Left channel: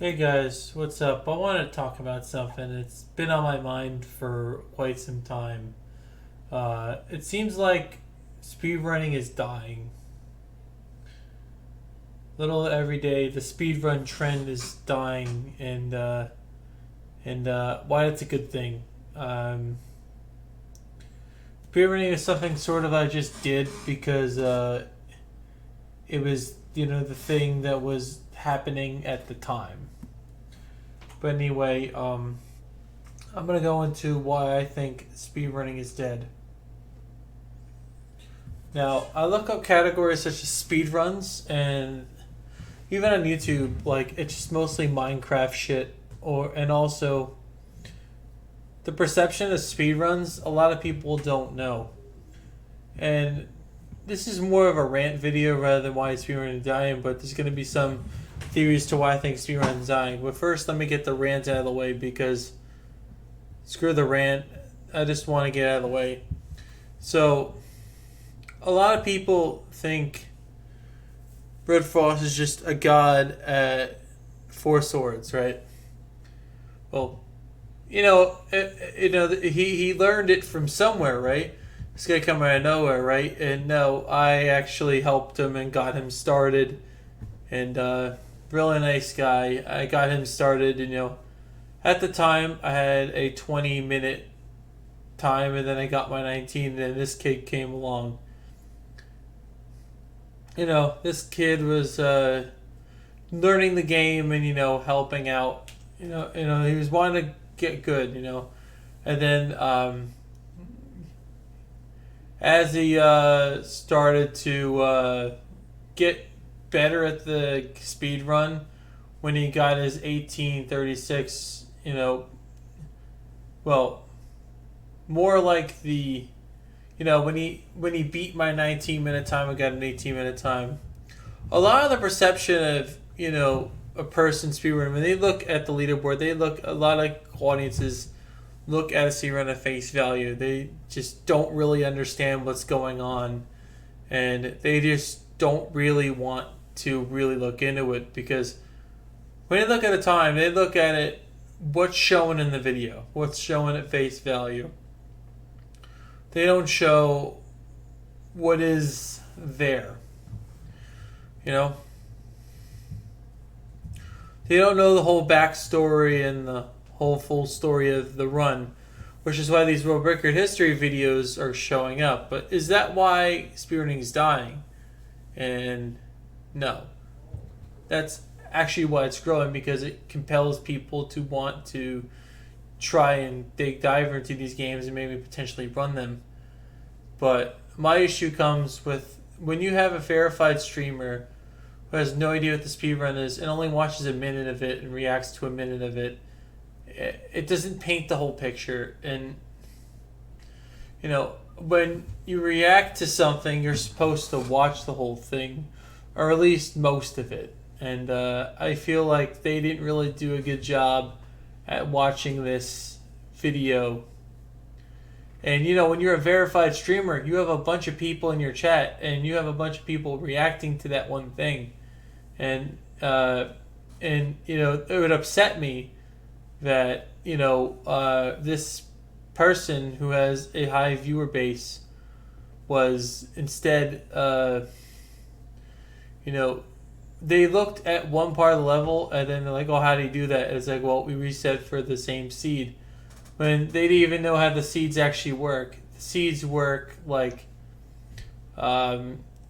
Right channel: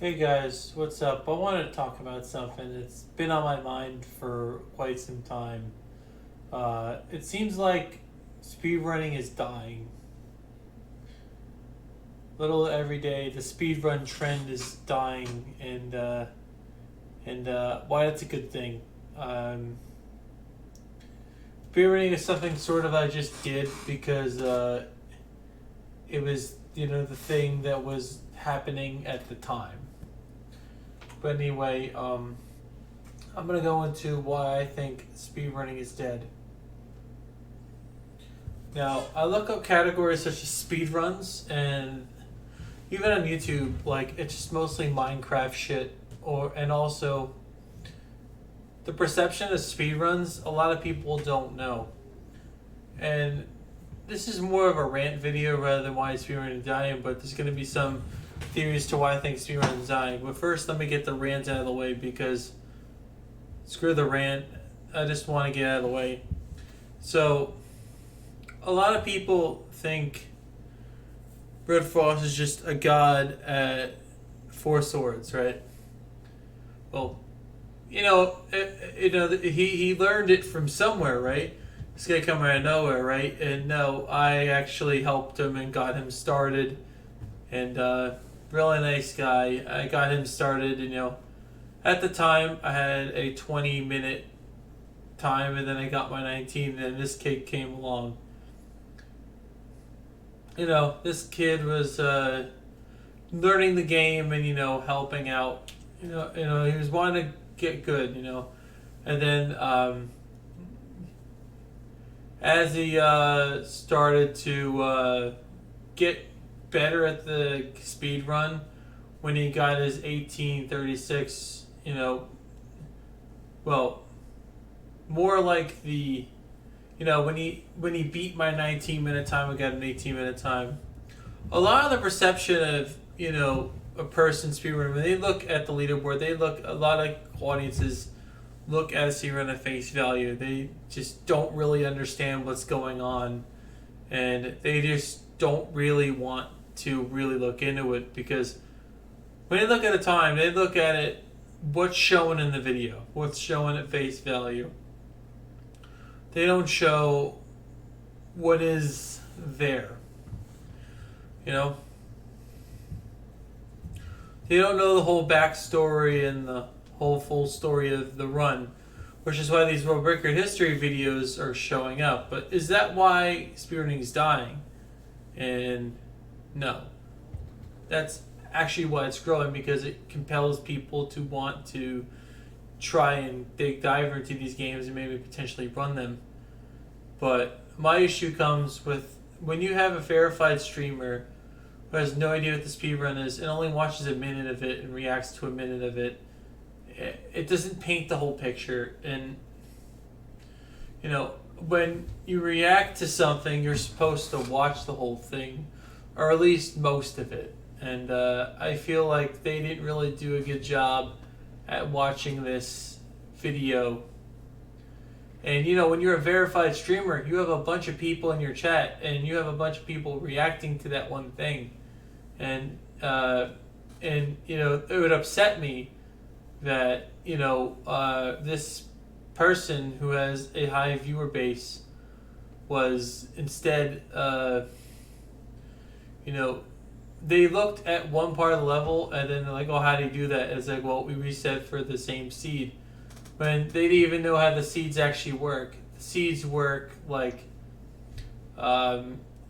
Hey guys, what's up? I want to talk about something. It's been on my mind for quite some time. It seems like speedrunning is dying. Little every day, the speedrun trend is dying, and why that's a good thing. Um, Speedrunning is something sort of I just did because it was the thing that was happening at the time. But anyway, I'm gonna go into why I think speedrunning is dead. Now, I look up categories such as speedruns, and even on YouTube, like it's just mostly Minecraft shit, and also the perception of speedruns. A lot of people don't know, and this is more of a rant video rather than why speedrunning is dying. But there's gonna be some theories to why I think speedrunning is dying. But first, let me get the rant out of the way because screw the rant. I just want to get out of the way. So, a lot of people think Red Frost is just a god at four swords, right? Well, he learned it from somewhere, right? It's gonna come out of nowhere, right? And no, I actually helped him and got him started, and really nice guy. I got him started, and at the time I had a 20-minute time, and then I got my 19, and then this kid came along. This kid was learning the game and helping out. He was wanting to get good. And then as he started to get better at the speed run, when he got his 1836, well, more like the when he beat my 19-minute time, I got an 18-minute time. A lot of the perception of a person speedrunning, when they look at the leaderboard, a lot of audiences look at a speedrun at face value. They just don't really understand what's going on, and they just don't really want to really look into it because when they look at a time, they look at it what's shown in the video, what's shown at face value. They don't show what is there. You know? They don't know the whole backstory and the whole full story of the run, which is why these world record history videos are showing up. But is that why speedrunning is dying? And no. That's actually why it's growing, because it compels people to want to try and dig dive into these games and maybe potentially run them. But my issue comes with when you have a verified streamer who has no idea what the speedrun is and only watches a minute of it and reacts to a minute of it. It doesn't paint the whole picture. And when you react to something, you're supposed to watch the whole thing, or at least most of it. And I feel like they didn't really do a good job at watching this video. And when you're a verified streamer, you have a bunch of people in your chat, and you have a bunch of people reacting to that one thing, and it would upset me that this person who has a high viewer base was instead they looked at one part of the level and then they're like, oh, how do you do that? It's like, well, we reset for the same seed. When they didn't even know how the seeds actually work. The seeds work like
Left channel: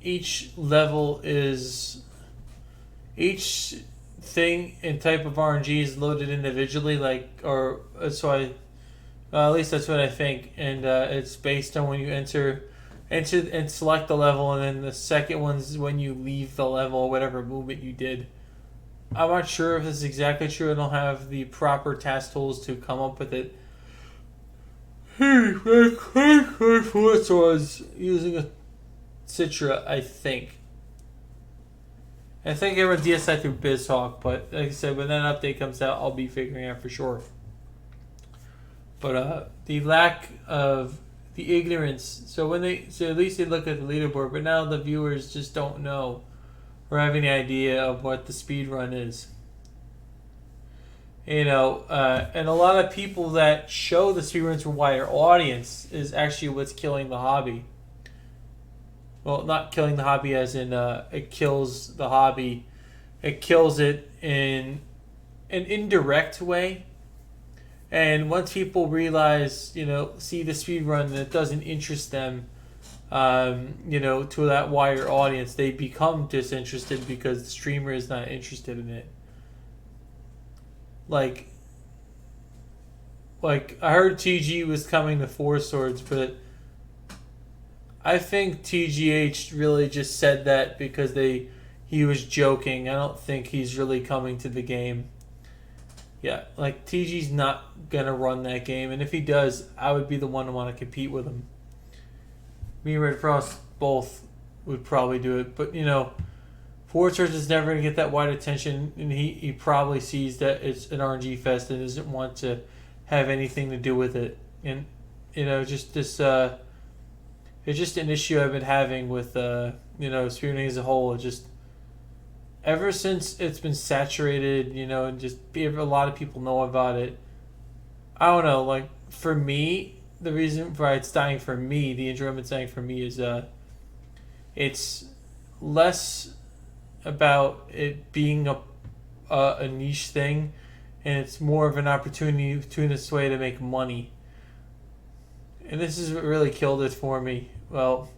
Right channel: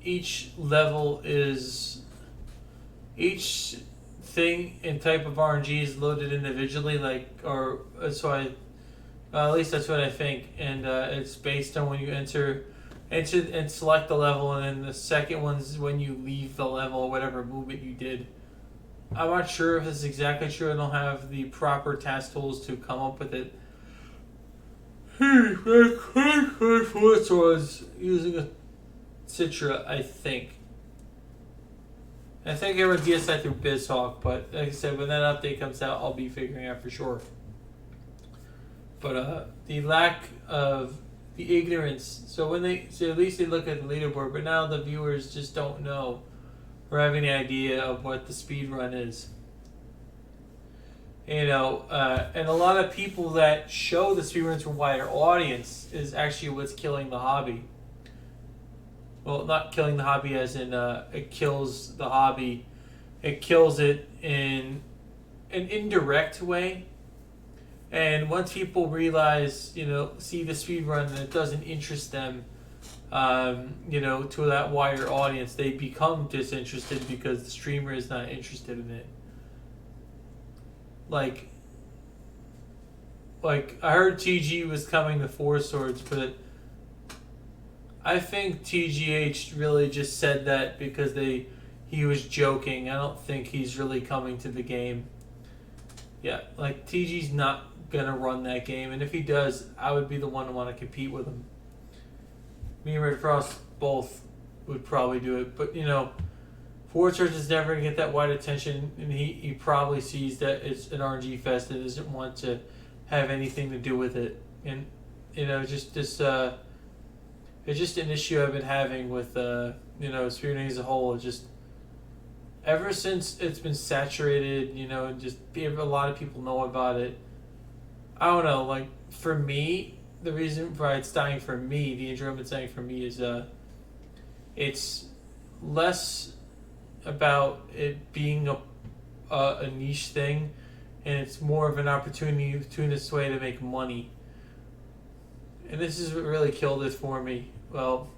each level is... Each thing and type of RNG is loaded individually, at least that's what I think. And it's based on when you enter and select the level, and then the second one's when you leave the level or whatever movement you did. I'm not sure if this is exactly true. I don't have the proper task tools to come up with it. This was using a Citra, I think. I think I run DSI through BizHawk, but like I said, when that update comes out, I'll be figuring out for sure. But the lack of the ignorance. So at least they look at the leaderboard, but now the viewers just don't know or have any idea of what the speed run is. And a lot of people that show the speedruns to a wider audience is actually what's killing the hobby. Well, not killing the hobby as in it kills the hobby. It kills it in an indirect way. And once people realize, see the speedrun and it doesn't interest them, to that wider audience, they become disinterested because the streamer is not interested in it. Like I heard TG was coming to Four Swords, but I think TGH really just said that because he was joking. I don't think he's really coming to the game. Yeah, like TG's not gonna run that game, and if he does, I would be the one to want to compete with him. Me and Red Frost both would probably do it, but Four Swords is never gonna get that wide attention, and he probably sees that it's an RNG fest and doesn't want to have anything to do with it. And just this it's just an issue I've been having with speedrunning as a whole. It just ever since it's been saturated, and just a lot of people know about it. I don't know, like for me, the reason why it's dying for me, the enjoyment's dying for me is it's less about it being a niche thing, and it's more of an opportunist way to make money. And this is what really killed it for me. Well,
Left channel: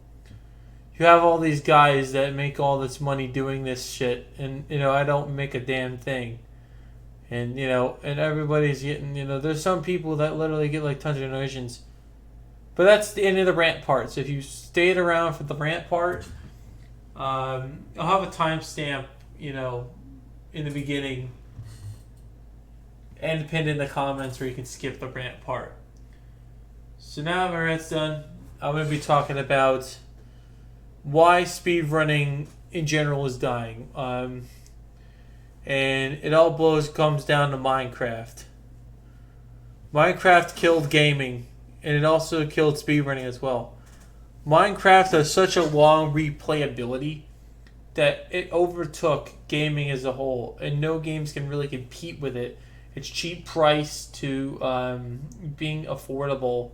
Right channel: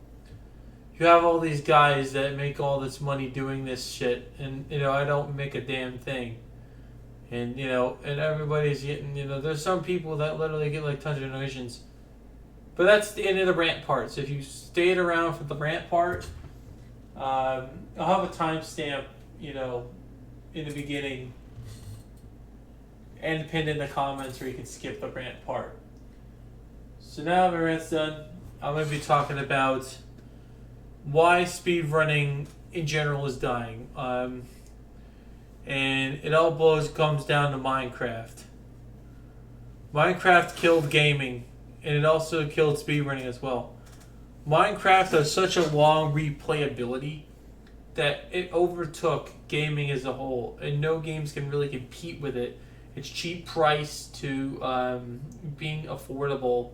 you have all these guys that make all this money doing this shit, and I don't make a damn thing. And and everybody's getting, there's some people that literally get like tons of donations. But that's the end of the rant part. So if you stayed around for the rant part, I'll have a timestamp, in the beginning and pinned in the comments where you can skip the rant part. So now my rant's done. I'm going to be talking about why speedrunning in general is dying. And it all comes down to Minecraft. Minecraft killed gaming, and it also killed speedrunning as well. Minecraft has such a long replayability that it overtook gaming as a whole, and no games can really compete with it. It's cheap price to being affordable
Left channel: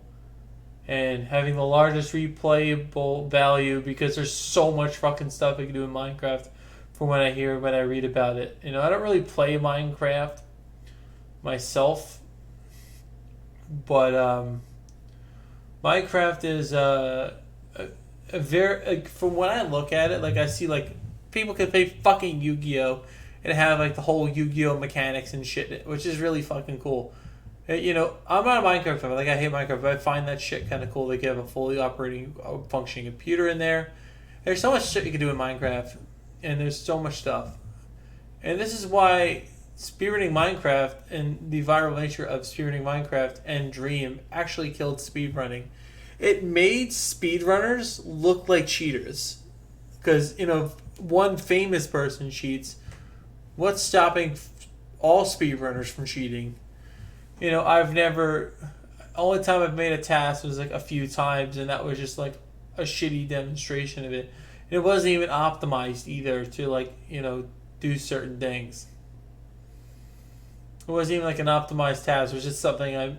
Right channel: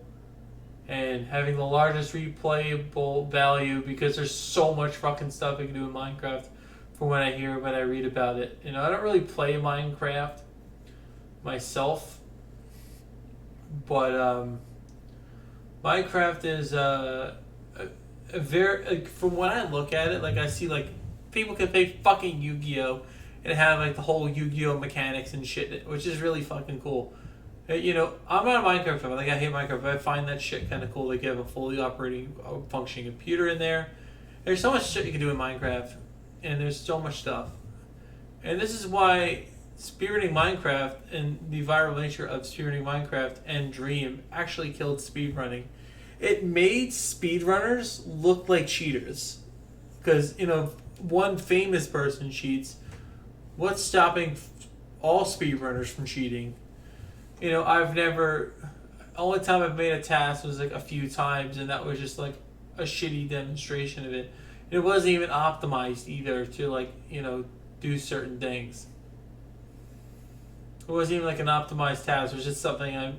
and having the largest replayable value because there's so much fucking stuff you can do in Minecraft from what I hear, when I read about it. I don't really play Minecraft myself, but Minecraft is a very, from when I look at it, like I see like people can play fucking Yu-Gi-Oh! And have like the whole Yu-Gi-Oh! Mechanics and shit, which is really fucking cool. I'm not a Minecraft fan. Like I hate Minecraft, but I find that shit kind of cool. Like you have a fully operating, functioning computer in there. There's so much shit you can do in Minecraft, and there's so much stuff. And this is why speedrunning Minecraft and the viral nature of speedrunning Minecraft and Dream actually killed speedrunning. It made speedrunners look like cheaters. Because, one famous person cheats. What's stopping all speedrunners from cheating? Only time I've made a task was like a few times, and that was just like a shitty demonstration of it. And it wasn't even optimized either to do certain things. It wasn't even like an optimized task. It was just something I,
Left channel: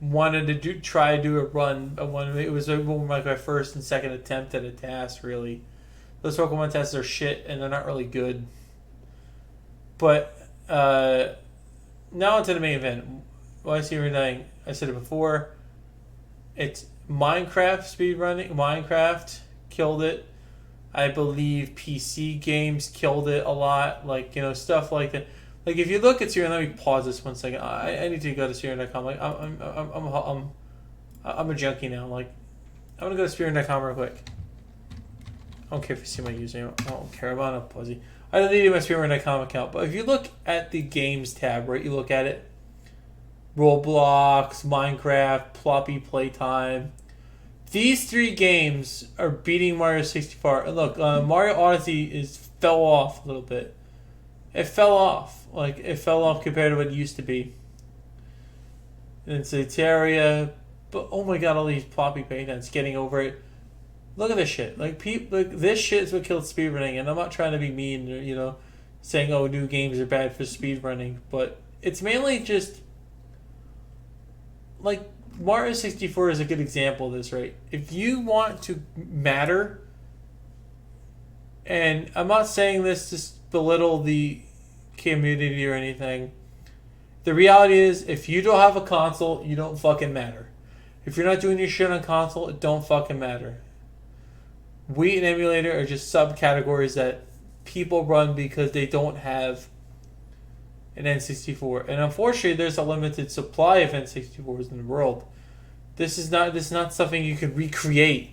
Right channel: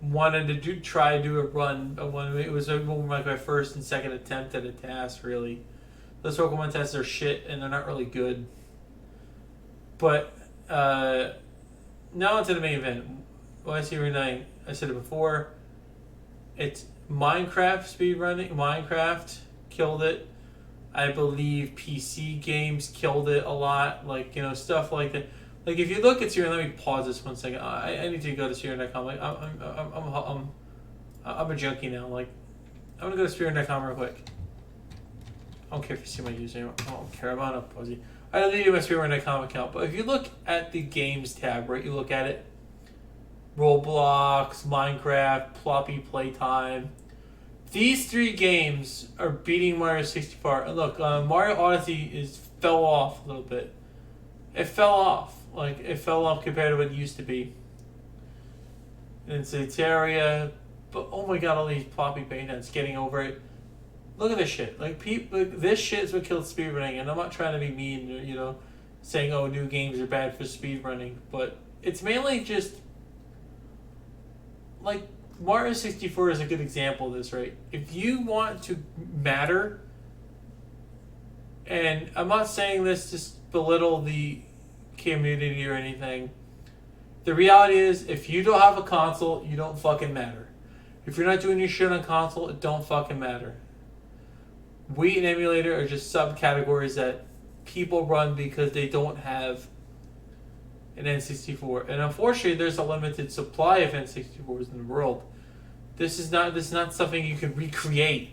wanted to try to do a run. It was like my first and second attempt at a task, really. Those Pokemon tests are shit, and they're not really good. But, now onto the main event. Why is he reneging? I said it before. It's Minecraft speedrunning. Minecraft killed it. I believe PC games killed it a lot. Stuff like that. Like, if you look at Syrian, let me pause this 1 second. I need to go to Syrian.com. Like, I'm a junkie now. Like, I'm gonna go to Syrian.com real quick. I don't care if you see my username. I don't care about a pussy. I don't need my Speedrunning.com account. But if you look at the games tab, right, you look at it, Roblox, Minecraft, Ploppy Playtime. These three games are beating Mario 64. And look, Mario Odyssey fell off a little bit. It fell off. It fell off compared to what it used to be. And Terraria. But oh my god, all these Ploppy Playtimes, getting over it. Look at this shit. This shit is what killed speedrunning, and I'm not trying to be mean, saying, oh, new games are bad for speedrunning, but it's mainly just like Mario 64 is a good example of this, right? If you want to matter, and I'm not saying this to belittle the community or anything, the reality is if you don't have a console, you don't fucking matter. If you're not doing your shit on console, it don't fucking matter. Wii and emulator are just subcategories that people run because they don't have an N64. And unfortunately, there's a limited supply of N64s in the world. This is not something you can recreate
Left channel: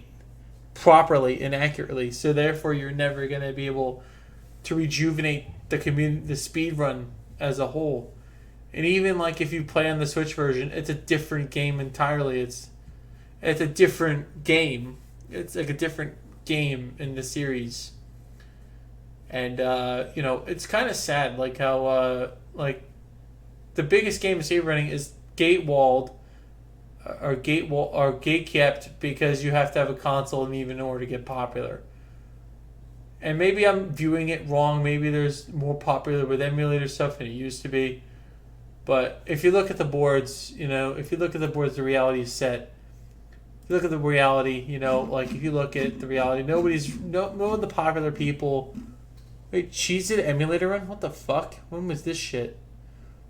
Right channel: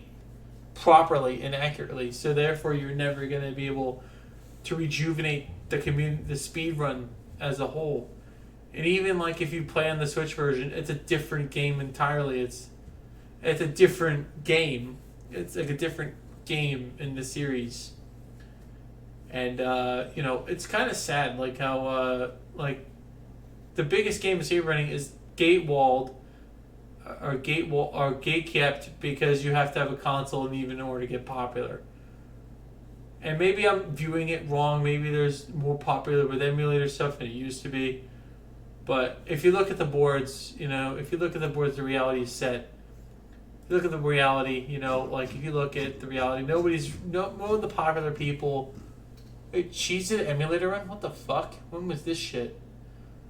properly and accurately. So therefore, you're never going to be able to rejuvenate the community, the speed run as a whole. And even like if you play on the Switch version, it's a different game entirely. It's a different game. It's like a different game in the series. And it's kind of sad, like how like the biggest game of speedrunning is gate kept because you have to have a console and even in order to get popular. And maybe I'm viewing it wrong. Maybe there's more popular with emulator stuff than it used to be. But if you look at the boards, the reality is set. If you look at the reality, if you look at the reality, none of the popular people. Wait, Cheez It emulator run? What the fuck? When was this shit?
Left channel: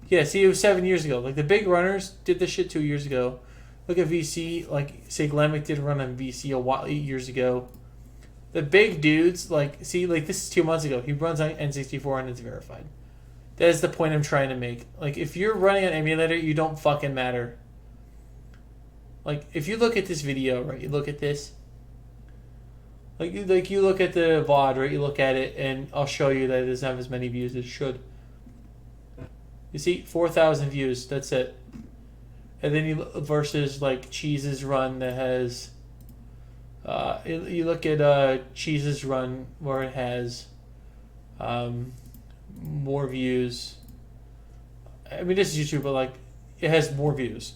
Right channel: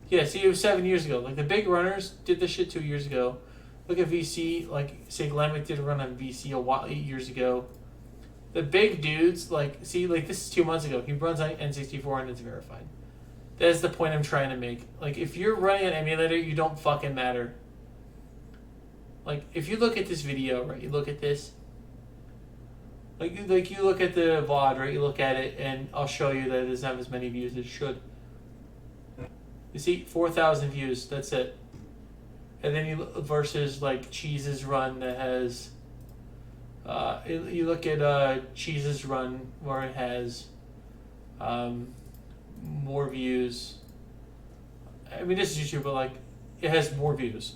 Yeah, see, it was 7 years ago. Like, the big runners did this shit 2 years ago. Look at VC, like, say, Glamic did a run on VC 8 years ago. The big dudes, this is 2 months ago. He runs on N64 and it's verified. That's the point I'm trying to make. Like, if you're running an emulator, you don't fucking matter. Like, if you look at this video, right, you look at this. Like you look at the VOD, right, you look at it, and I'll show you that it doesn't have as many views as it should. You see, 4,000 views, that's it. And then you look versus, like, Cheese's run that has... you look at Cheese's run where it has more views. I mean, this is YouTube, but, like, it has more views.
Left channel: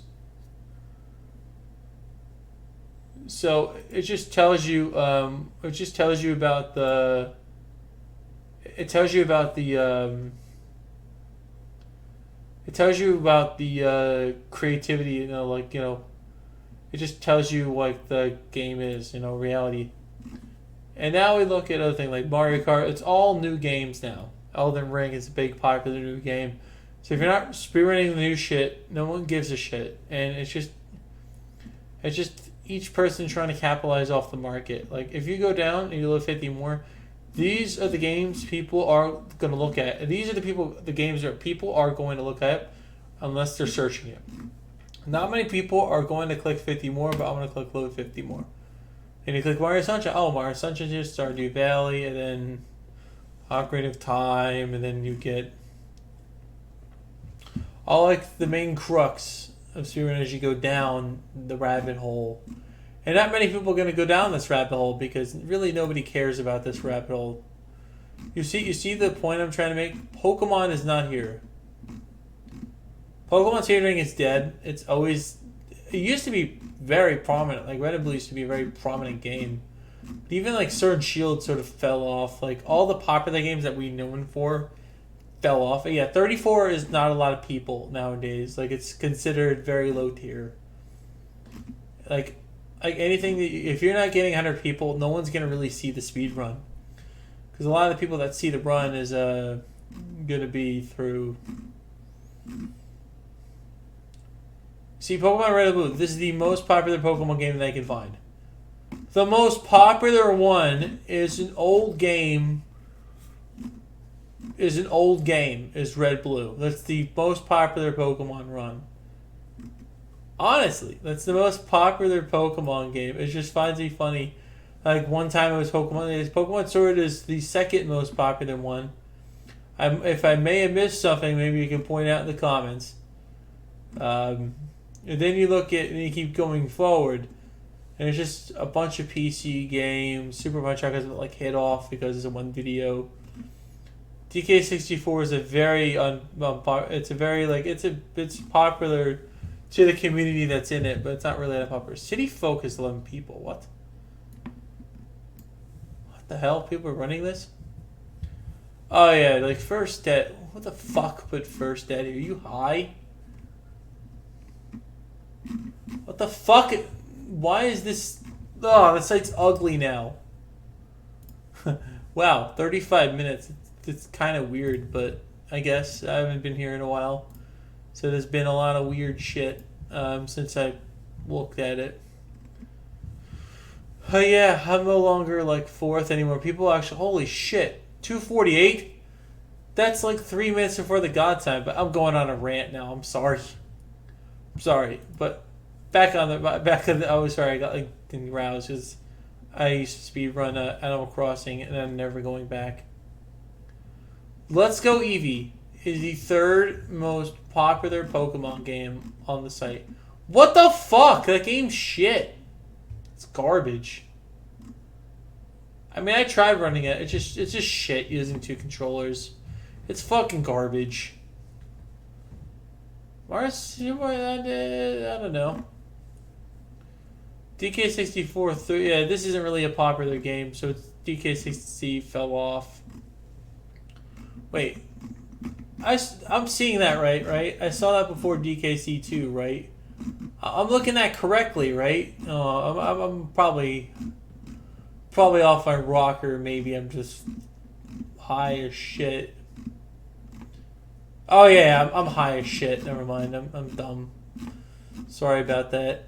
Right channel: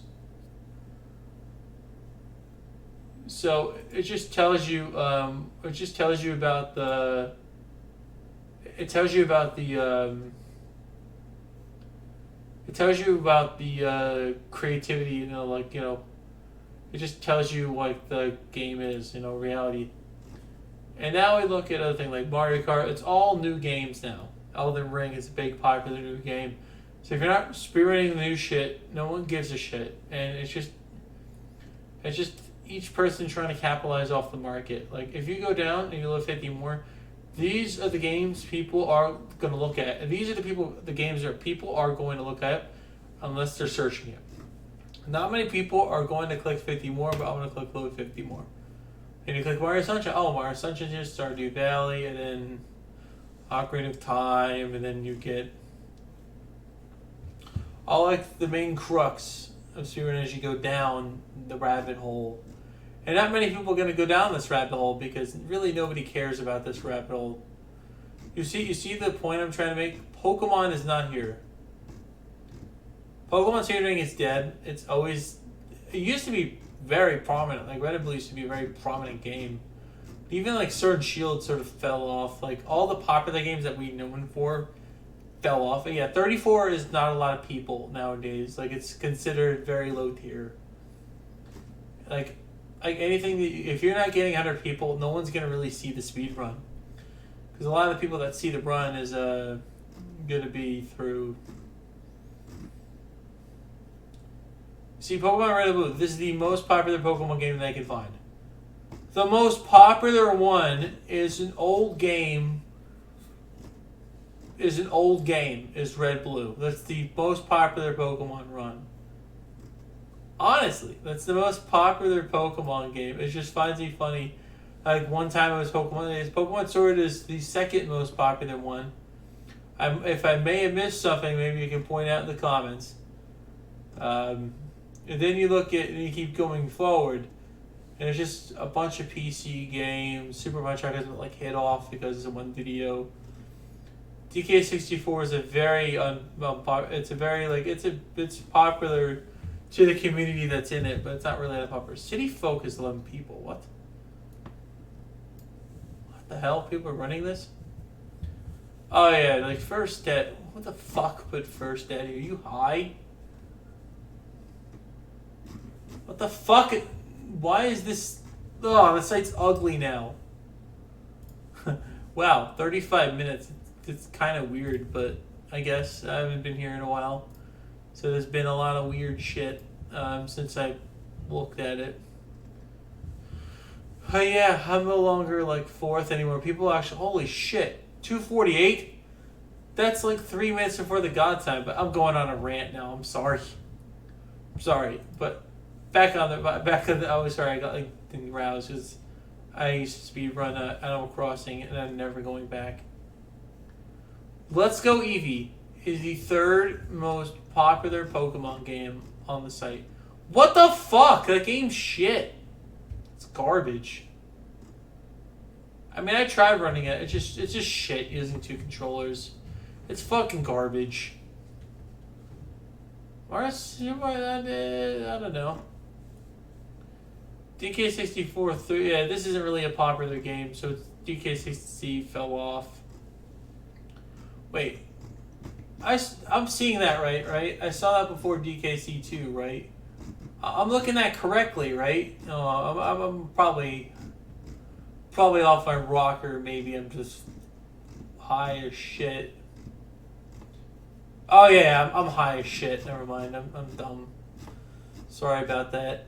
So it just tells you. It tells you about the. It tells you about the. It tells you about the creativity. It just tells you what the game is. Reality. And now we look at other things like Mario Kart. It's all new games now. Elden Ring is a big popular new game. So if you're not spearheading the new shit, no one gives a shit, and it's just. Each person trying to capitalize off the market. Like, if you go down and you look 50 more, these are the games people are going to look at. And these are the games that people are going to look at unless they're searching it. Not many people are going to click 50 more, but I'm going to click load 50 more. And you click Mario Sunshine. Oh, Mario Sunshine is Stardew Valley, and then Ocarina of Time, and then you get all like the main crux of speedrunning as you go down the rabbit hole. And not many people are going to go down this rabbit hole because really nobody cares about this rabbit hole. You see the point I'm trying to make? Pokemon is not here. Pokemon speedrunning is dead. It used to be very prominent. Like, Red and Blue used to be a very prominent game. Even like Sword and Shield sort of fell off. Like, all the popular games that we know them for fell off. And yeah, 34 is not a lot of people nowadays. Like, it's considered very low tier. Like anything, if you're not getting 100 people, no one's going to really see the speed run. Because a lot of the people that see the run is going to be through... See, Pokemon Red and Blue, this is the most popular Pokemon game that I can find. The most popular one is an old game... is Red Blue. That's the most popular Pokemon run. Honestly, that's the most popular Pokemon game. It just finds me funny. Like, one time it was Pokemon Sword is the second most popular one. If I may have missed something, maybe you can point out in the comments. And then you look at, and you keep going forward, and it's just a bunch of PC games. Super Punch Out got like hit off because it's a one video. DK64 is a very it's popular to the community that's in it, but it's not really that popular. City Folk is 11 people. What? What the hell? People are running this? Oh yeah, like first dead. What the fuck put first dead here? Are you high? What the fuck? Why is this? Oh, the site's ugly now. Wow, 35 minutes. It's kind of weird, but I guess I haven't been here in a while. So there's been a lot of weird shit since I looked at it. Oh yeah, I'm no longer like fourth anymore. People actually, holy shit, 248. That's like 3 minutes before the god time. But I'm going on a rant now. I'm sorry. I'm sorry, but I was sorry. I got like roused because I used to speed run Animal Crossing and I'm never going back. Let's Go Eevee is the third most popular Pokemon game on the site. What the fuck? That game's shit. It's garbage. I mean, I tried running it. It's just shit using two controllers. It's fucking garbage. Mars, I don't know. DK64 3. Yeah, this isn't really a popular game, so DK60 fell off. Wait, I'm seeing that right? I saw that before DKC2, right? I'm looking at correctly, right? I'm probably off my rocker. Maybe I'm just high as shit. Oh yeah, I'm high as shit. Never mind. I'm dumb. Sorry about that.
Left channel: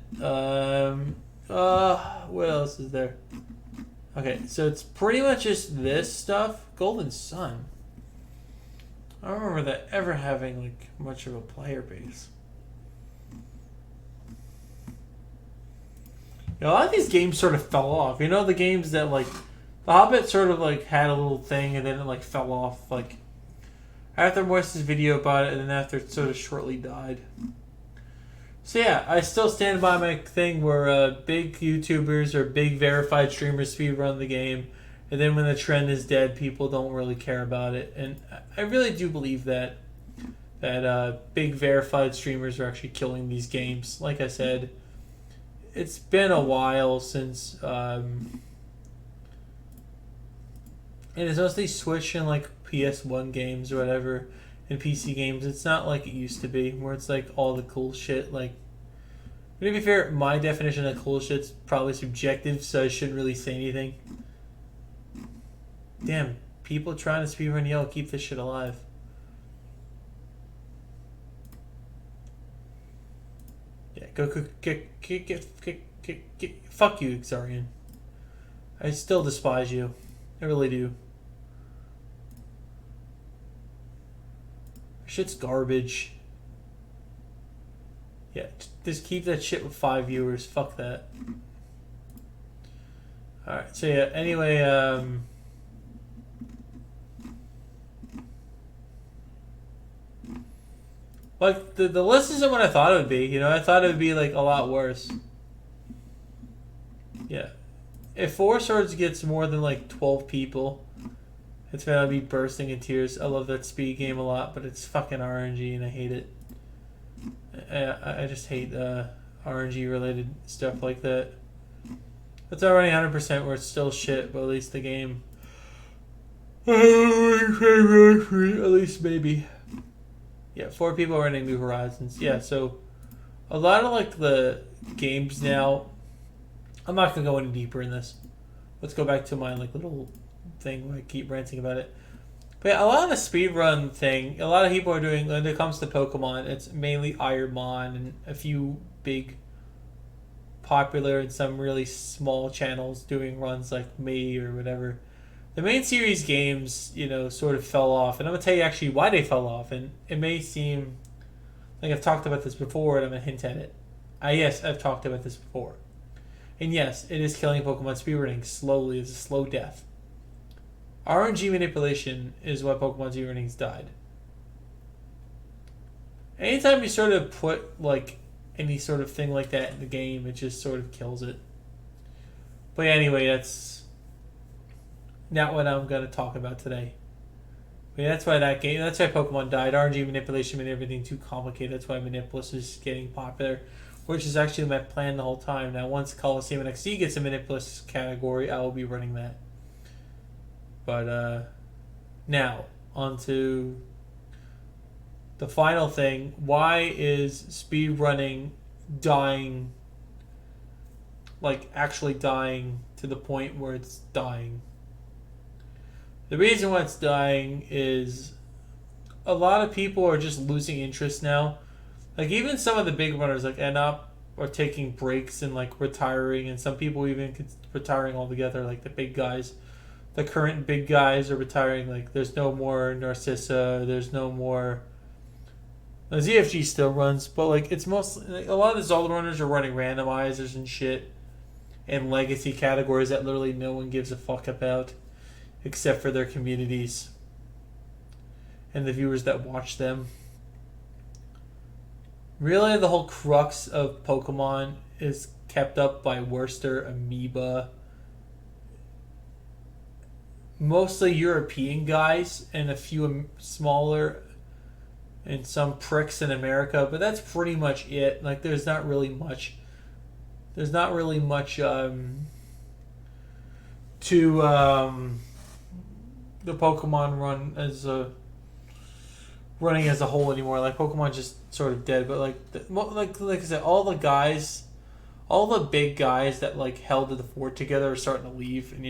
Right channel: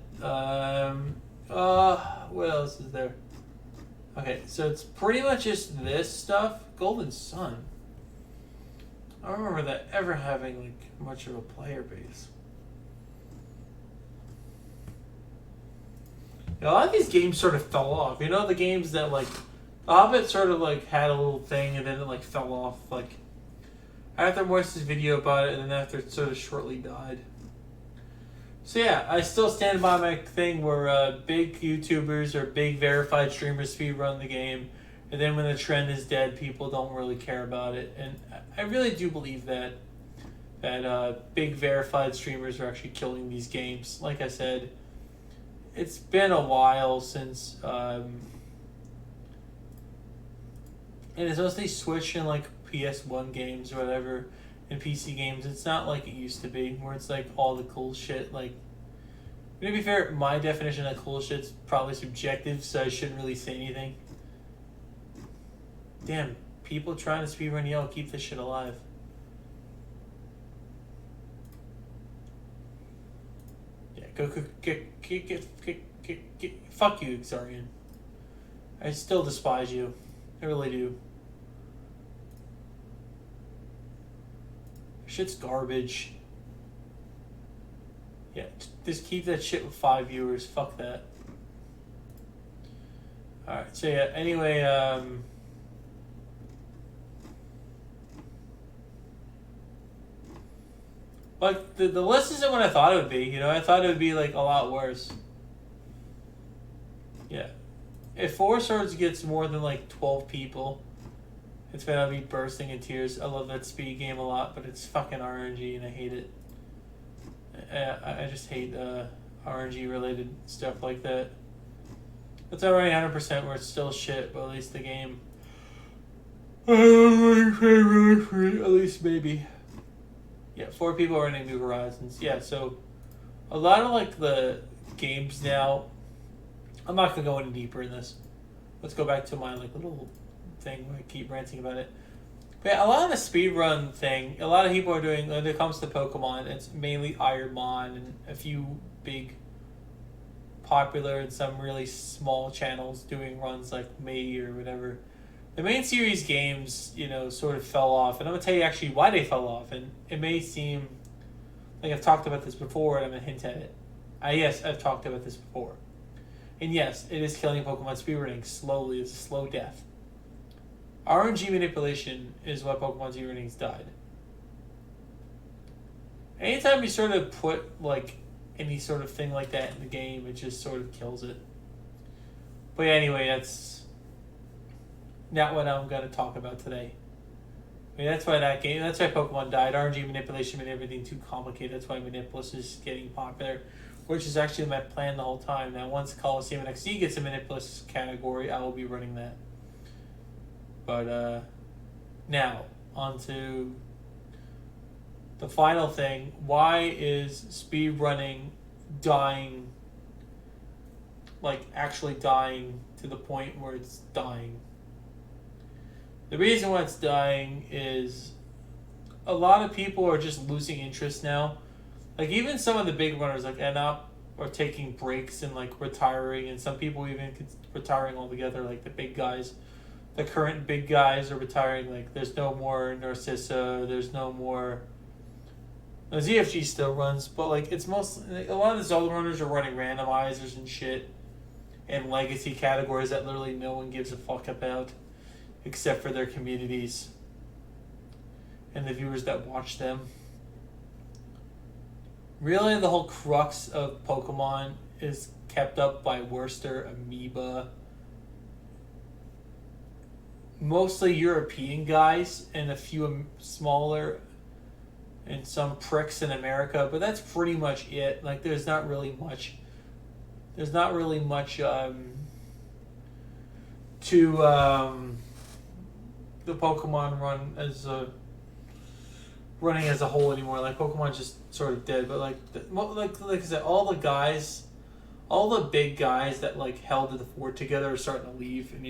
What else is there? Okay, so it's pretty much just this stuff. Golden Sun. I don't remember that ever having like much of a player base. You know, a lot of these games sort of fell off. You know, the games that like The Hobbit sort of like had a little thing and then it like fell off like after Moise's video about it and then after it sort of shortly died. So yeah, I still stand by my thing where big YouTubers or big verified streamers speedrun the game, and then when the trend is dead, people don't really care about it. And I really do believe that big verified streamers are actually killing these games. Like I said, it's been a while since, and it's mostly Switch and like PS1 games or whatever, and PC games. It's not like it used to be, where it's like all the cool shit. Like, to be fair, my definition of cool shit's probably subjective, so I shouldn't really say anything. Damn, people trying to speedrun Yell, keep this shit alive. Yeah, go fuck you, Xarian. I still despise you. I really do. Shit's garbage. Yeah, just keep that shit with 5 viewers. Fuck that. Alright, so yeah, anyway, like, the list isn't what I thought it would be, you know? I thought it would be, like, a lot worse. Yeah. If Four Swords gets more than, like, 12 people, it's gonna be bursting in tears. I love that speed game a lot, but it's fucking RNG and I hate it. I just hate RNG related stuff like that. It's already 100% where it's still shit, but at least the game. At least maybe. Yeah, 4 people running New Horizons. Yeah, so a lot of like the games now. I'm not gonna go any deeper in this. Let's go back to my like little thing where I keep ranting about it. But yeah, a lot of the speedrun thing, a lot of people are doing, when it comes to Pokemon, it's mainly Ironmon and a few big, popular and some really small channels doing runs like me or whatever. The main series games, you know, sort of fell off. And I'm going to tell you actually why they fell off. And it may seem like I've talked about this before and I'm going to hint at it. Yes, I've talked about this before. And yes, it is killing Pokemon speedrunning slowly. It's a slow death. RNG manipulation is why Pokemon speedrunning's died. Anytime you sort of put like any sort of thing like that in the game, it just sort of kills it. But anyway, that's not what I'm going to talk about today. I mean, that's why Pokemon died. RNG manipulation made everything too complicated. That's why Manipulus is getting popular, which is actually my plan the whole time. Now, once Coliseum NXT gets a Manipulus category, I will be running that. But, Now, onto the final thing. Why is speedrunning dying, like actually dying to the point where it's dying? The reason why it's dying is a lot of people are just losing interest now. Like even some of the big runners like Enop are taking breaks and like retiring, and some people even retiring altogether. Like the big guys, the current big guys are retiring. Like there's no more Narcissa. There's no more. The ZFG still runs, but like it's mostly like, a lot of the Zelda runners are running randomizers and shit, and legacy categories that literally no one gives a fuck about, except for their communities and the viewers that watch them. Really, the whole crux of Pokemon is kept up by Worcester, Amoeba, mostly European guys, and a few smaller, and some pricks in America. But that's pretty much it. Like, there's not really much. There's not really much to the Pokemon run as a running as a whole anymore. Like Pokemon's just sort of dead. But like I said, all the big guys that like held the fort together are starting to leave, and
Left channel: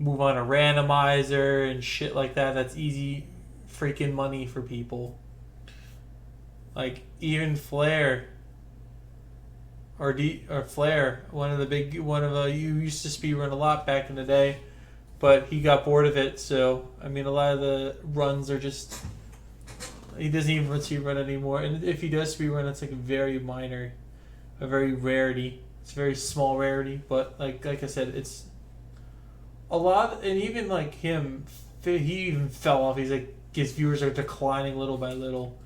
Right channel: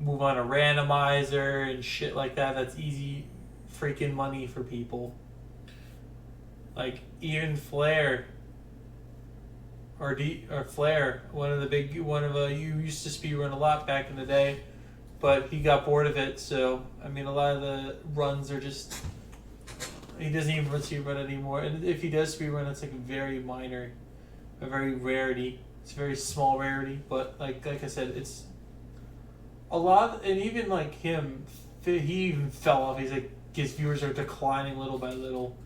move on to randomizer and shit like that. That's easy freaking money for people. Like even Flair. Or Flair, one of you used to speedrun a lot back in the day, but he got bored of it. So I mean, a lot of the runs are just he doesn't even speedrun anymore. And if he does speedrun, it's like very minor, a very rarity. It's a very small rarity. But like I said, it's a lot. And even like him, he even fell off. He's like his viewers are declining little by little.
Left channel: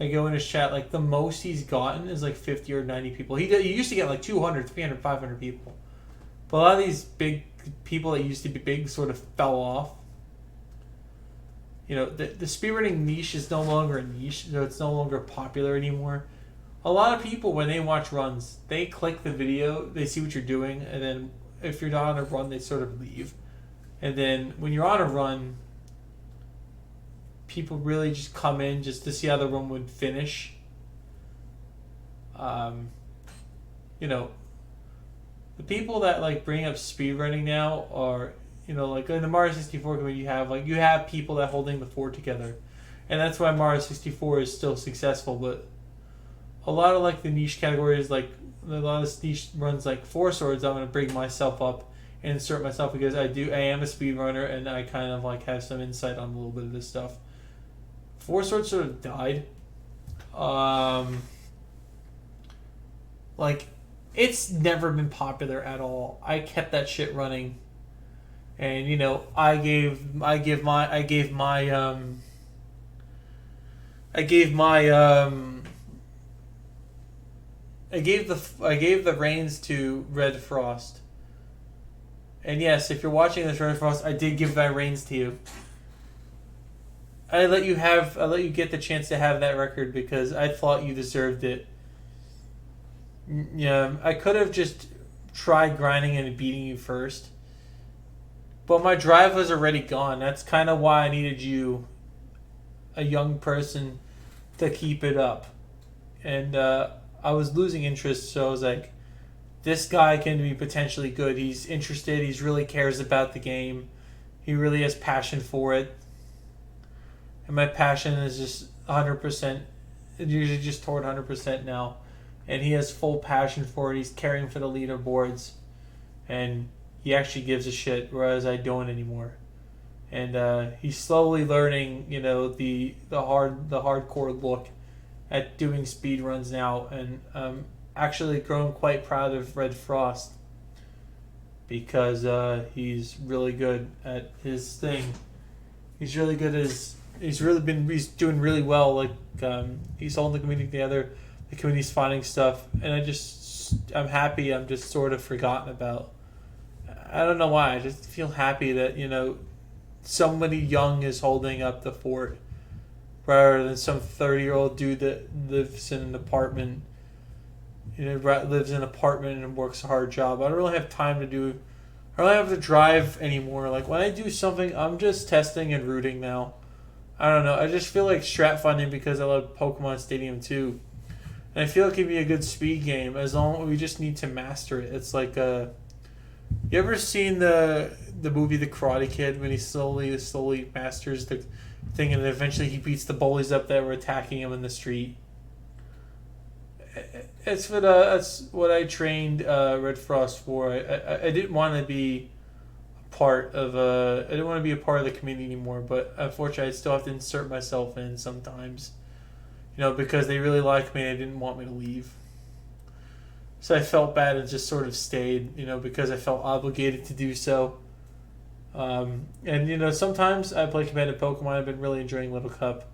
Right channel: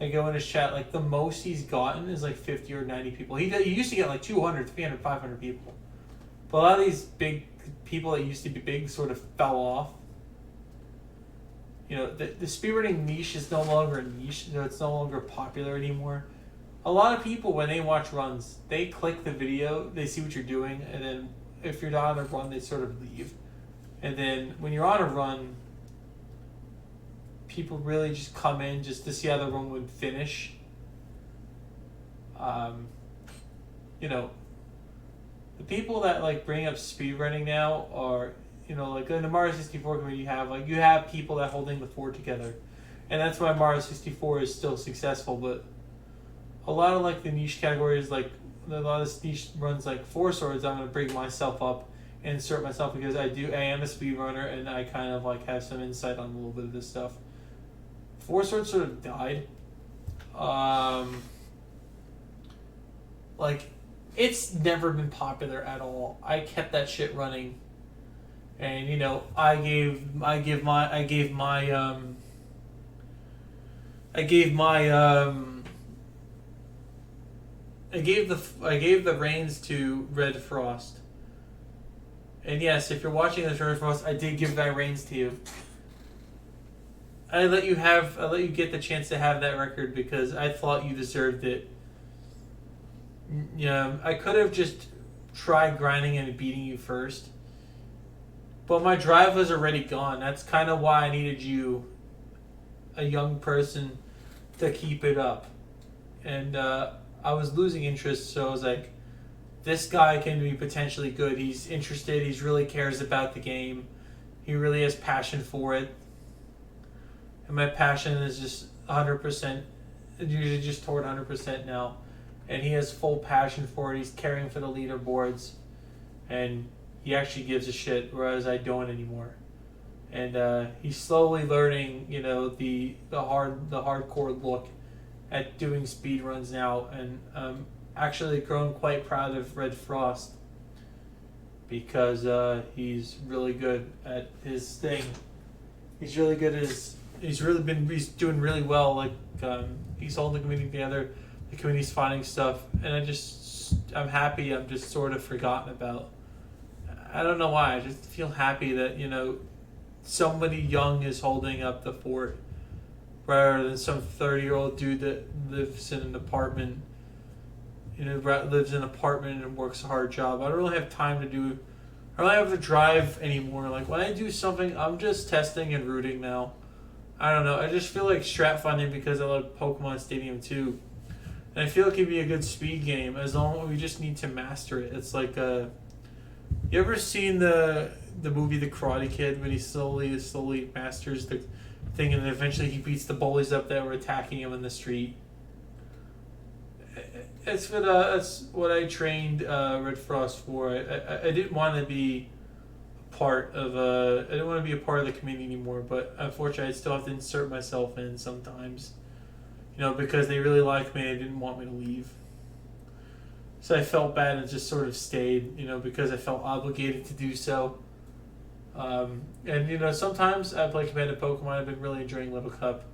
I go in his chat, like the most he's gotten is like 50 or 90 people. He used to get like 200, 300, 500 people. But a lot of these big people that used to be big sort of fell off. The speedrunning niche is no longer a niche, so it's no longer popular anymore. A lot of people, when they watch runs, they click the video, they see what you're doing, and then if you're not on a run, they sort of leave. And then when you're on a run, people really just come in just to see how the run would finish. The people that like bring up speedrunning now are, like in the Mario 64 community, you have people that holding the fort together, and that's why Mario 64 is still successful. But a lot of like the niche categories, like a lot of niche runs like Four Swords, I'm gonna bring myself up and insert myself because I am a speedrunner and I kind of like have some insight on a little bit of this stuff. Four Swords sort of died. It's never been popular at all. I kept that shit running, and I gave the reins to Red Frost. And yes, if you're watching this, Red Frost, I did give my reins to you. I let you get the chance to have that record because I thought you deserved it. Yeah, I could have just tried grinding and beating you first, but my drive was already gone. That's kind of why I needed you, a young person, to keep it up. And I was losing interest, so I was like, this guy can be potentially good. He's interested. He really cares about the game. He really has passion for it. And my passion is just 100%, usually just toward 100% now. And he has full passion for it. He's caring for the leaderboards. And he actually gives a shit, whereas I don't anymore. And he's slowly learning, the hardcore look at doing speedruns now. And actually grown quite proud of Red Frost because he's really good at his thing. He's really good at his... He's doing really well. Like he's holding the community together. The community's finding stuff, and I'm happy. I'm just sort of forgotten about. I don't know why. I just feel happy that somebody young is holding up the fort, rather than some 30-year-old dude that lives in an apartment. Lives in an apartment and works a hard job. I don't really have time to do I don't have to drive anymore. Like when I do something, I'm just testing and rooting now. I don't know. I just feel like strat finding because I love Pokemon Stadium 2. And I feel it could be a good speed game as long as we just need to master it. It's like you ever seen the movie The Karate Kid when he slowly masters the thing and then eventually he beats the bullies up that were attacking him in the street? That's what I trained Red Frost for. I didn't want to be part of I didn't want to be a part of the community anymore, but unfortunately I still have to insert myself in sometimes. Because they really like me and they didn't want me to leave. So I felt bad and just sort of stayed, because I felt obligated to do so. And sometimes I play competitive Pokemon. I've been really enjoying Little Cup.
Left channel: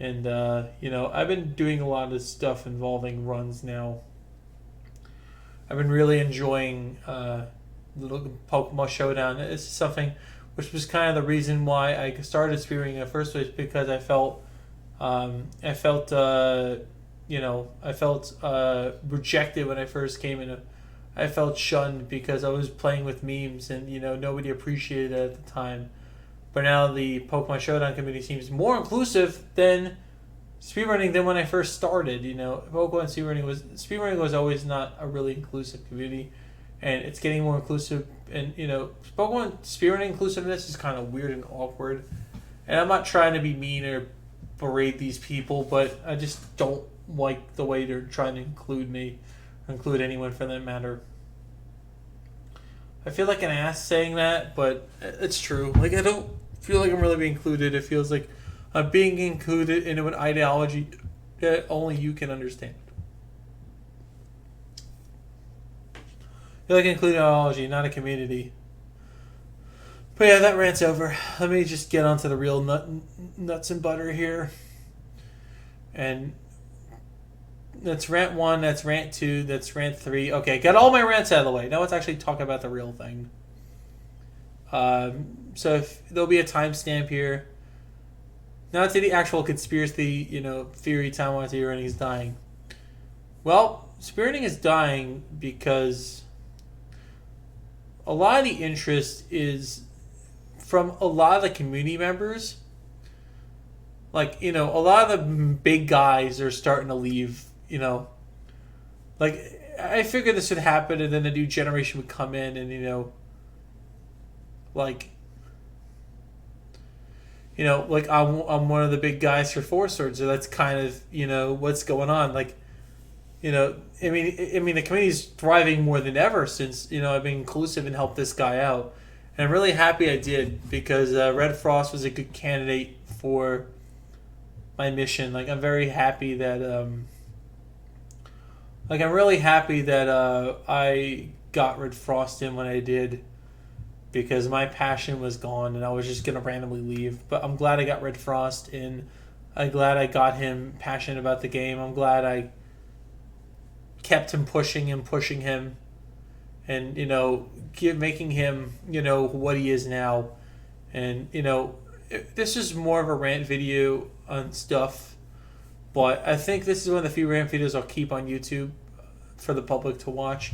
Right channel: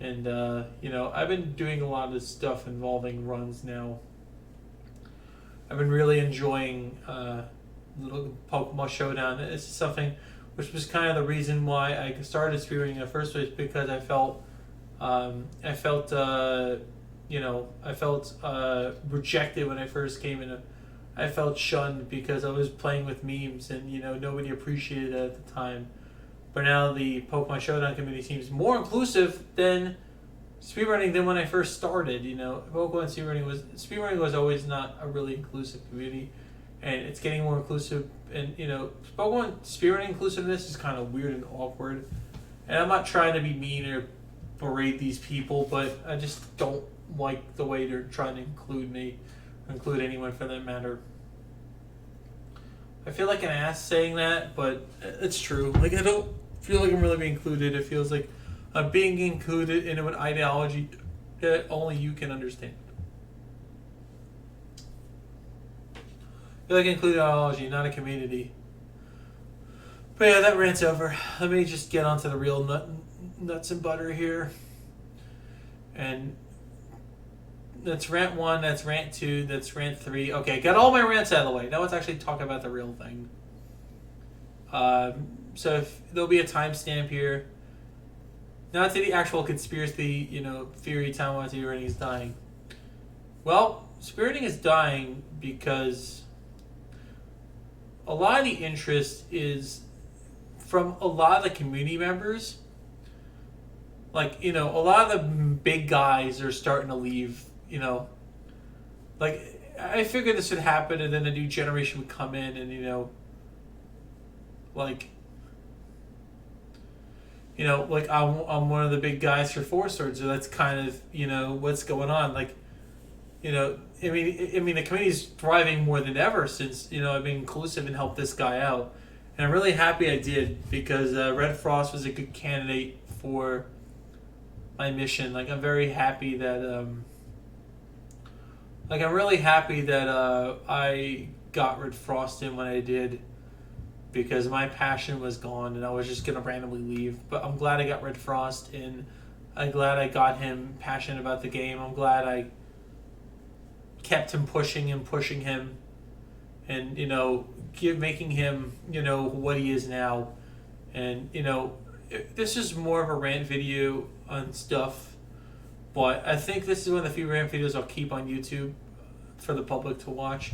And, I've been doing a lot of stuff involving runs now. I've been really enjoying Little Pokemon Showdown. It's something which was kind of the reason why I started speedrunning in the first place, because I felt rejected when I first came in. I felt shunned because I was playing with memes and nobody appreciated it at the time. But now the Pokemon Showdown community seems more inclusive than speedrunning than when I first started. Pokemon speedrunning was always not a really inclusive community, and it's getting more inclusive. And Pokemon speedrunning inclusiveness is kind of weird and awkward. And I'm not trying to be mean or berate these people, but I just don't like the way they're trying to include anyone for that matter. I feel like an ass saying that, but it's true. Like, I don't feel like I'm really being included. It feels like I'm being included into an ideology that only you can understand. I feel like included ideology, not a community. But yeah, that rant's over. Let me just get onto the real nuts and butter here. And that's rant 1, that's rant 2, that's rant 3. Okay, got all my rants out of the way. Now let's actually talk about the real thing. So there'll be a timestamp here. Now to the actual conspiracy, theory Taiwan speedrunning is dying. Well, speedrunning is dying because a lot of the interest is from a lot of the community members. Like, a lot of the big guys are starting to leave, Like, I figured this would happen and then a new generation would come in and, I'm one of the big guys for Four Swords, so that's kind of, what's going on. Like, I mean, the community's thriving more than ever since, I've been inclusive and helped this guy out. And I'm really happy I did because Red Frost was a good candidate for my mission. Like, I'm very happy that I'm really happy that I got Red Frost in when I did, because my passion was gone and I was just gonna randomly leave. But I'm glad I got Red Frost in. I'm glad I got him passionate about the game. I'm glad I kept him pushing him and making him what he is now. And this is more of a rant video on stuff, but I think this is one of the few rant videos I'll keep on YouTube for the public to watch.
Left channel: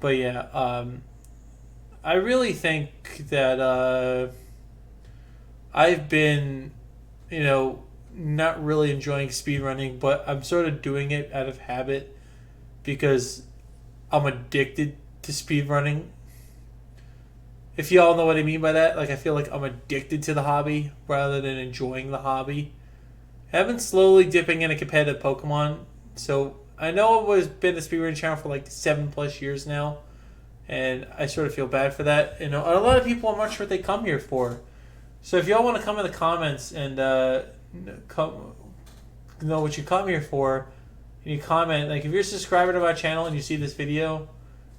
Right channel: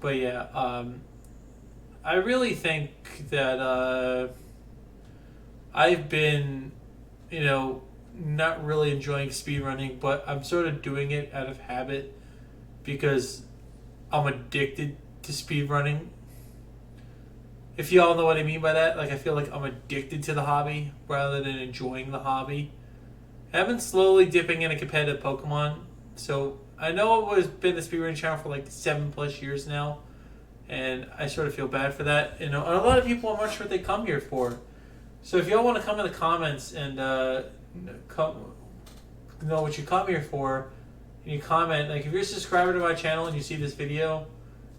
But yeah, I really think that I've been, not really enjoying speedrunning, but I'm sort of doing it out of habit because I'm addicted to speedrunning. If y'all know what I mean by that, like, I feel like I'm addicted to the hobby rather than enjoying the hobby. I've been slowly dipping into competitive Pokemon, so I know I've been a speedrunning channel for like 7+ years now, and I sort of feel bad for that. A lot of people, I'm not sure what they come here for. So if y'all want to come in the comments and know what you come here for, and you comment, like, if you're a subscriber to my channel and you see this video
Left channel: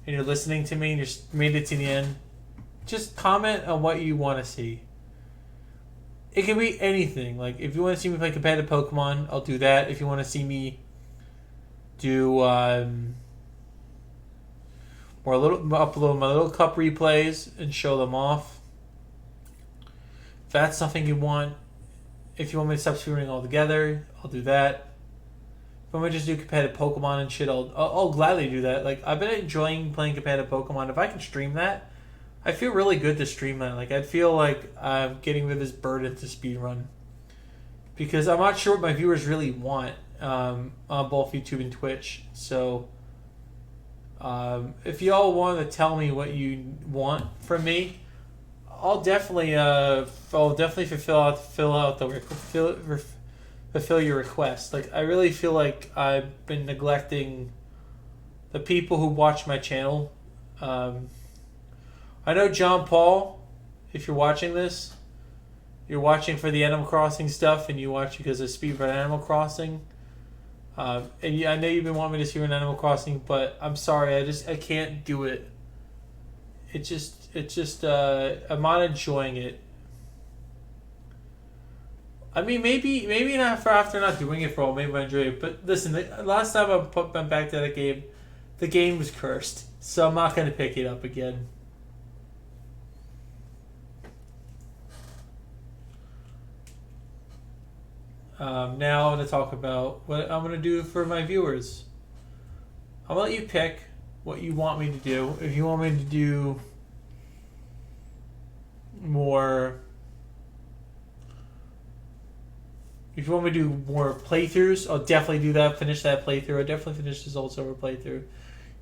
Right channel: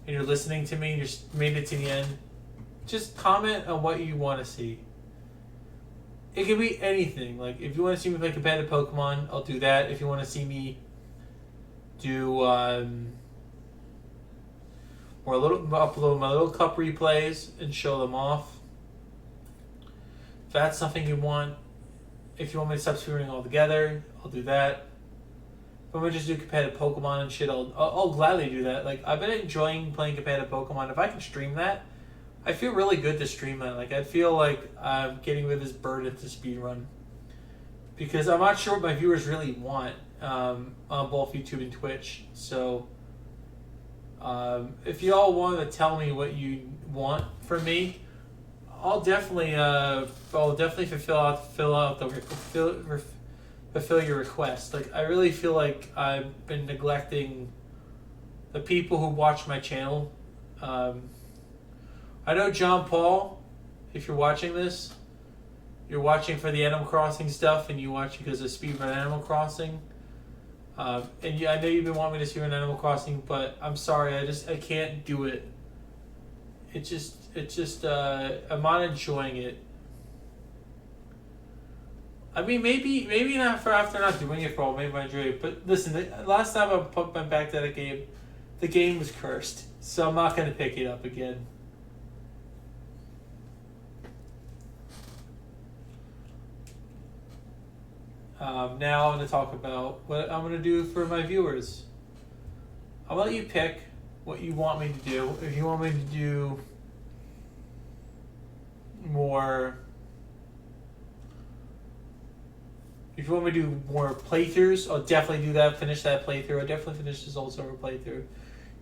and you're listening to me and you're made it to the end, just comment on what you want to see. It can be anything. Like, if you want to see me play competitive Pokemon, I'll do that. If you want to see me do upload my Little Cup replays and show them off, if that's something you want. If you want me to stop speedrunning altogether, I'll do that. If I want to just do competitive Pokemon and shit, I'll gladly do that. Like, I've been enjoying playing competitive Pokemon. If I can stream that, I feel really good to stream that. Like I feel like I'm getting rid of this burden to speedrun because I'm not sure what my viewers really want on both YouTube and Twitch. So if y'all want to tell me what you want from me, I'll definitely fulfill your request. Like I really feel like I've been neglecting the people who watch my channel. I know John Paul, if you're watching this, you're watching for the Animal Crossing stuff, and you watch because of Speedrun Animal Crossing. And yeah, I know you've been wanting me to see an Animal Crossing, but I'm sorry, I can't do it. It's just I'm not enjoying it. I mean, maybe not for after not doing it for all, maybe I enjoy it. But listen, the last time I went back to that game, the game was cursed, so I'm not gonna pick it up again. Now I'm going to talk about what I'm going to do for my viewers. I'll let you pick what you want me to do. If you want me to do more... If you want me to do more playthroughs, I'll definitely do that. Finish that playthrough. I'll definitely finish this Old Silver playthrough.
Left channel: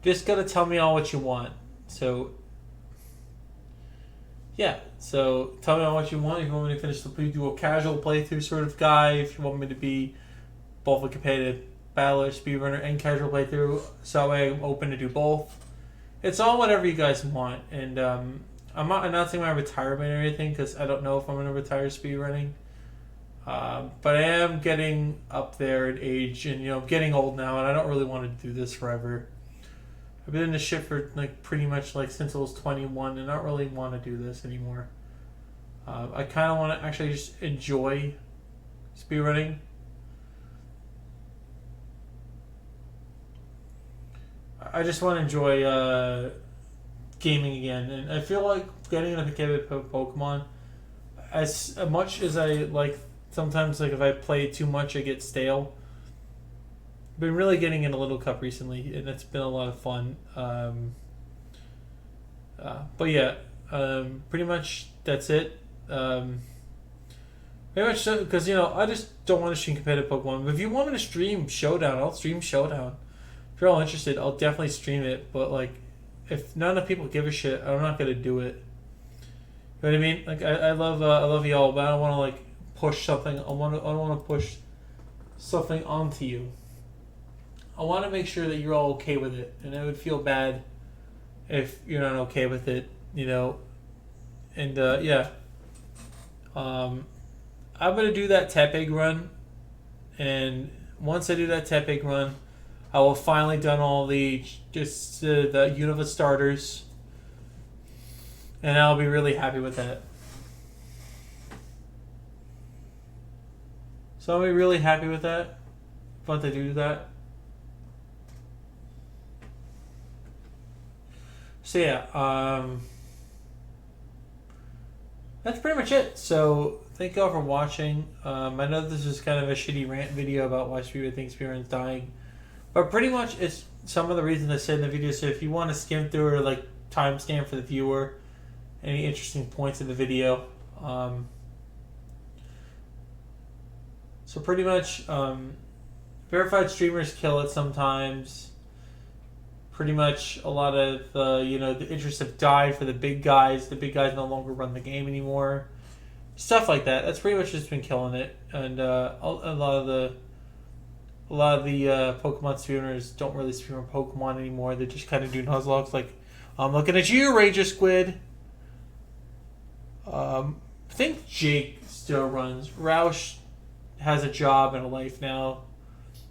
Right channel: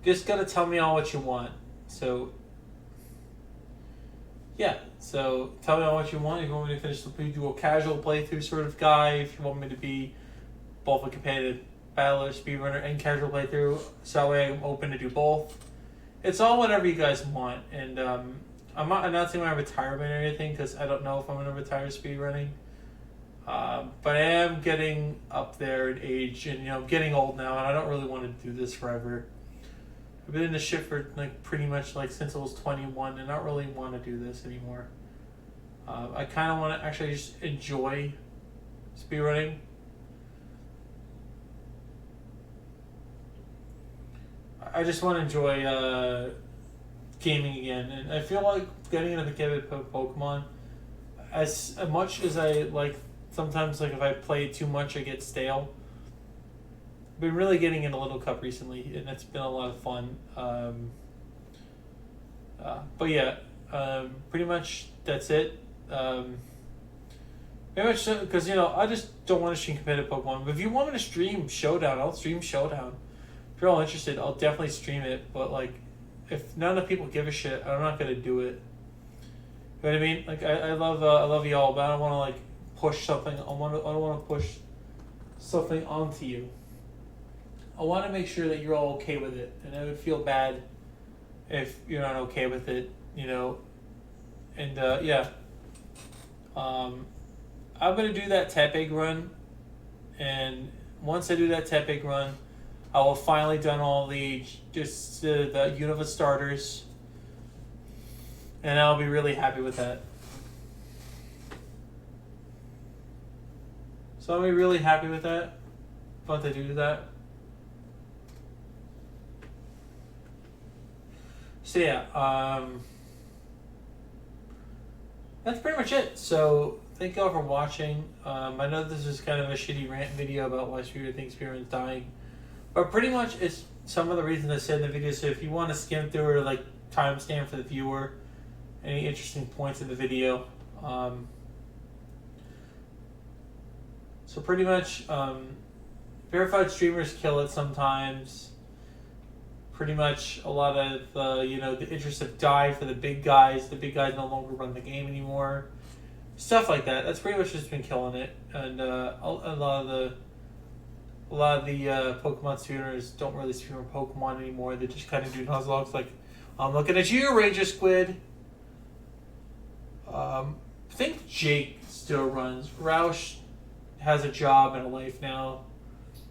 Just got to tell me all what you want. So... Yeah, so tell me what you want. If you want me to finish do a casual playthrough sort of guy, if you want me to be both a competitive battler, speedrunner, and casual playthrough, so that way I'm open to do both. It's all whatever you guys want, and I'm not announcing my retirement or anything because I don't know if I'm going to retire speedrunning. But I am getting up there in age, and I'm getting old now, and I don't really want to do this forever. I've been in this shit for pretty much since I was 21, and I don't really want to do this anymore. I kind of want to actually just enjoy speedrunning. I just want to enjoy gaming again, and I feel like getting into competitive Pokemon, as much as I like. Sometimes, if I play it too much, I get stale. Been really getting into Little Cup recently, and it's been a lot of fun. But yeah, pretty much that's it. Pretty much because I just don't want to stream competitive Pokemon. But if you want me to stream Showdown, I'll stream Showdown. If you're all interested, I'll definitely stream it. But if not enough people give a shit, I'm not gonna do it. You know what I mean? I love y'all, but I don't want to push something. I don't want to push something onto you. I want to make sure that you're all okay with it, and I would feel bad if you're not okay with it, And yeah, I'm gonna do that Tepig run, and once I do that Tepig run, I will finally done all the Unova starters, and I'll be really happy with that. So I'll be really happy with that. Once I do that. So yeah, that's pretty much it. So thank you all for watching. I know this is kind of a shitty rant video about why Speedrun thinks Speedrun's dying, but pretty much it's some of the reasons I said in the video. So if you want to skim through or timestamp for the viewer, any interesting points in the video. So pretty much, verified streamers kill it sometimes. Pretty much a lot of the interests have died for the big guys. The big guys no longer run the game anymore. Stuff like that. That's pretty much just been killing it. And a lot of the Pokemon streamers don't really stream Pokemon anymore. They just kind of do Nuzlockes I'm looking at you, Ranger Squid. I think Jake still runs. Roush has a job and a life now,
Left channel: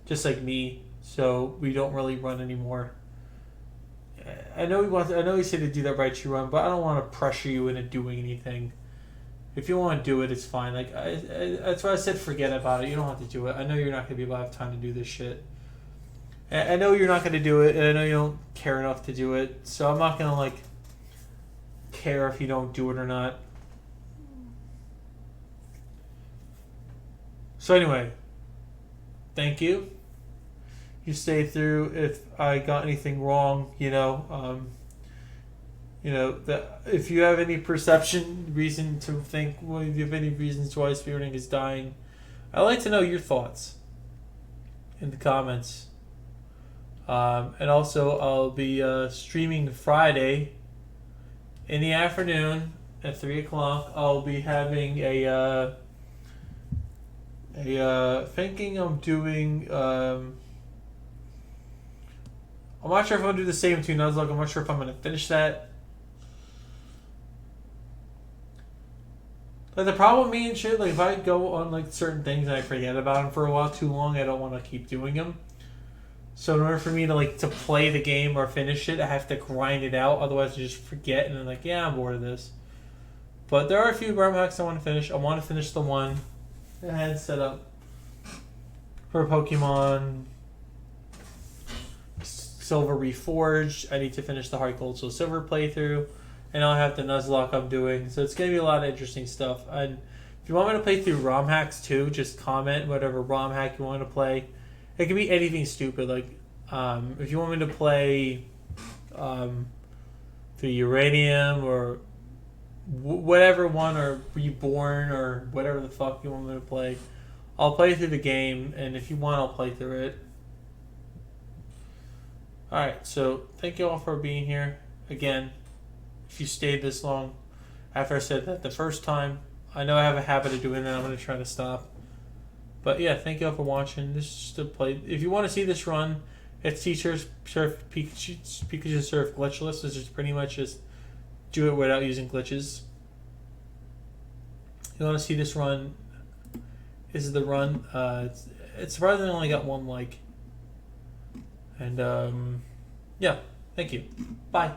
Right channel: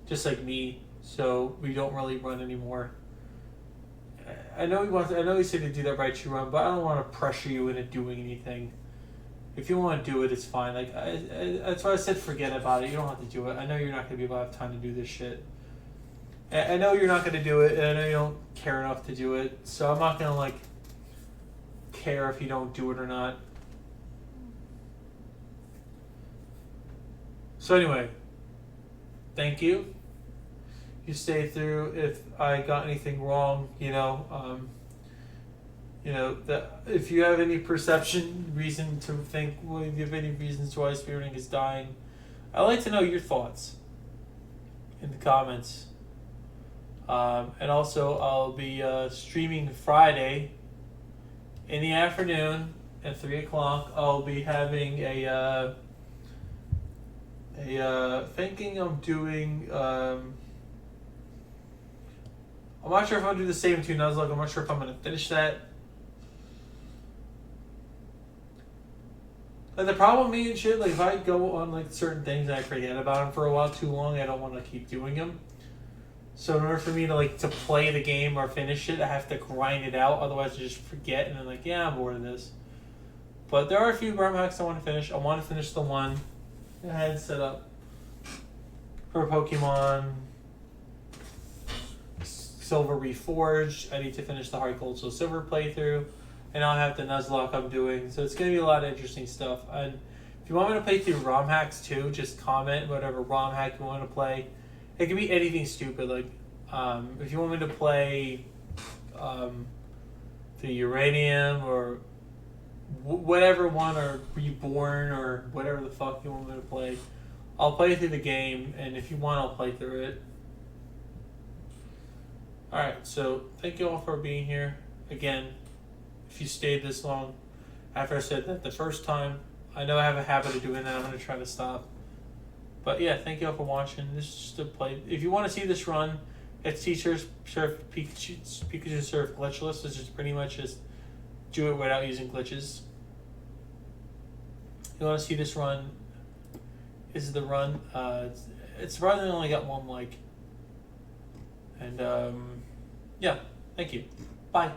just like me. So we don't really run anymore. I know he said to do that right to run, but I don't want to pressure you into doing anything. If you want to do it, it's fine. That's why I said forget about it. You don't have to do it. I know you're not going to be able to have time to do this shit. I know you're not going to do it, and I know you don't care enough to do it. So I'm not going to care if you don't do it or not. So anyway, thank you. You stay through. If I got anything wrong, You know, if you have any reason to think, well, if you have any reasons why speedrunning is dying, I'd like to know your thoughts in the comments. And also, I'll be streaming Friday in the afternoon at 3 o'clock. I'll be having thinking I'm doing. I'm not sure if I'm gonna do the same two Nuzlocke. I'm not sure if I'm gonna finish that. Like the problem with me and shit, like if I go on like certain things and I forget about them for a while too long, I don't want to keep doing them. So in order for me to play the game or finish it, I have to grind it out. Otherwise, I just forget and I'm like, yeah, I'm bored of this. But there are a few ROM hacks I want to finish. I want to finish the one I had set up for Pokemon Silver Reforged. I need to finish the Heart Gold Soul Silver playthrough. And I'll have the Nuzlocke I'm doing. So it's going to be a lot of interesting stuff. And if you want me to play through ROM hacks too, just comment whatever ROM hack you want to play. It can be anything stupid. Like, if you want me to play through Uranium or whatever one, or Reborn or whatever the fuck you want me to play, I'll play through the game. And if you want, I'll play through it. Alright, so thank you all for being here. Again, if you stayed this long after I said that the first time, I know I have a habit of doing that. I'm going to try to stop. But yeah, thank you all for watching. This is just a play. If you want to see this run, it's Teachers Surf Pikachu Surf Glitchless. It's just pretty much just do it without using glitches. If you want to see this run, this is the run. It's surprisingly only got one like. And yeah, thank you. Bye.